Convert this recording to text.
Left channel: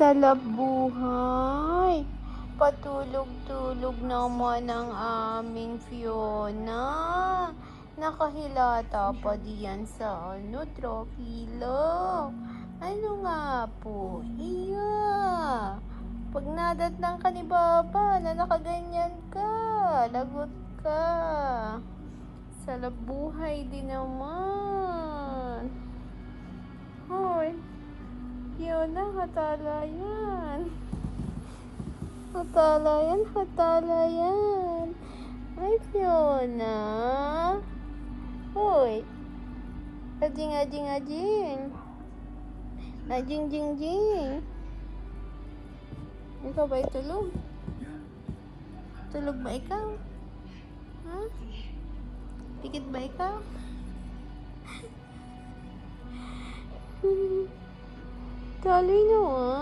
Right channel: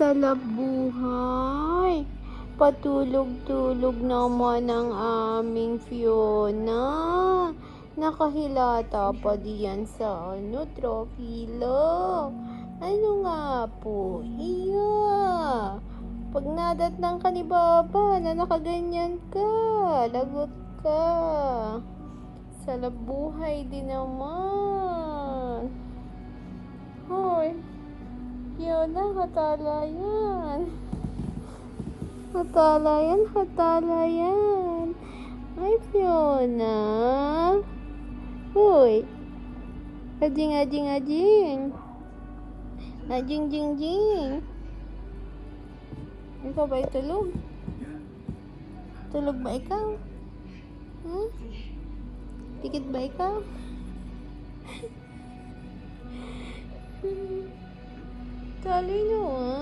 Sarap buhay. Patulog-tulog naman ang aming Fiona. Nakahilata pa diyan sa Tropilo. Ano nga po? Iya. Pag nadatnang ka ni Baba na nakaganyan ka, lagot ka. Sarap buhay din naman. Hoy. Fiona, hatala yan. Hatala yan, hatala yan. Ay, Fiona. Uy. Ajing, ajing, ajing. Ajing, jing, jing. Ikaw ba tulog? Tulog ba ikaw? Huh? Tikit ba ikaw? Talino ah.